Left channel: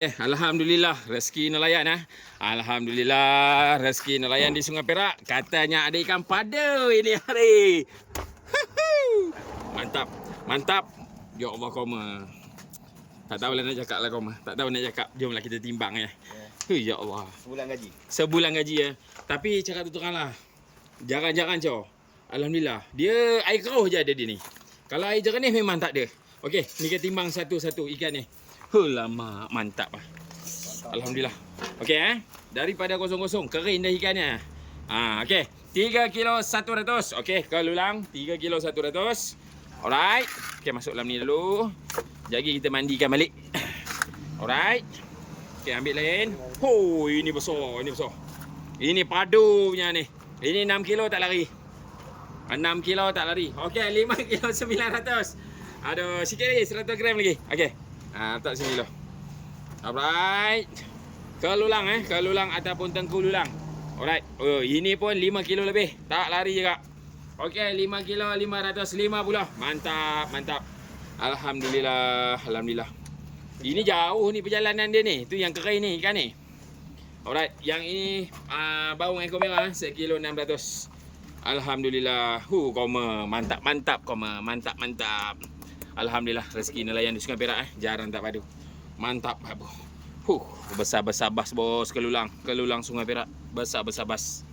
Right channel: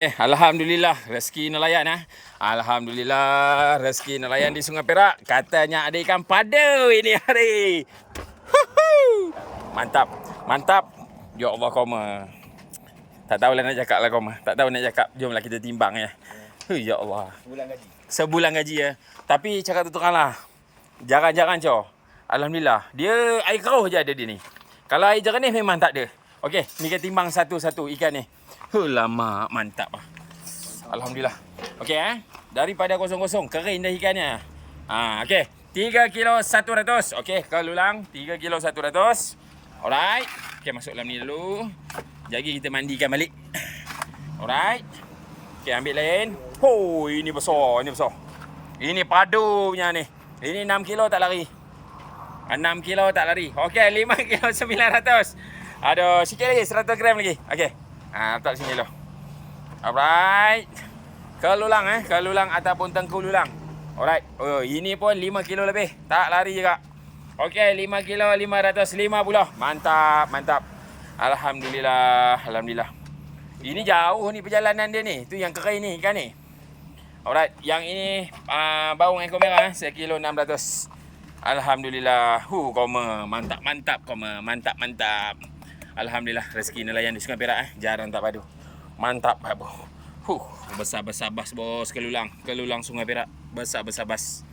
Alhamdulillah rezeki nelayan Alhamdulillah rezeki nelayan di Sungai Perak. Katanya ada ikan pada ini hari. Mantap, mantap. Ya Allah koma. Tak tahulah nak cakap lah koma. Tak tahu nak cakap. Jomlah kita timbang ya. Ya Allah. Sebulan gaji. Sebulan gaji ya. Tapi cakap tu teranglah. Jarang-jarang cow. Alhamdulillah. Dia air keruh je ada dia ni. Kalau air jernih memang tak ada. Okey, ni kita timbang satu-satu ikan ni. Lama mantap ah. Alhamdulillah. Okey daripada kosong-kosong kering dah ikannya. Okey. 3 kilo 100. Okey, kalau ulang 3 kilo 100. Alright. Okey, masuk dalam ni dulu. Jadi kita mandikan balik. Alright. Okey, ambil lain. Ini besar, ini besar. Ini padu punya ni. Ini 6 kilo tak lari. 6 kilo tak lari. Okey, 5 kilo 900. Ada sikit lagi 100 gram lagi. Okey. Letak sini dulu. Alright. Kelulang kelulang ataupun tengkululang. Alright. Oh, ini pun 5 kilo lebih. Tak lari juga. Okey, 5 kilo 550. Mantap, mantap. Alhamdulillah, alhamdulillah. Ini jauh ni perjalanan dia ni. Tu yang kering ni ikan ni. Alright, yang ini baung ekor merah 1 kilo 600. Alhamdulillah. Koma. Mantap, mantap koma. Mantap, mantap. Alhamdulillah rezeki nelayan di Sungai Perak jarang tak padu. Mantap bos. Besar-besar bas bos kelulang. Kelulang Sungai Perak. Besar-besar bas.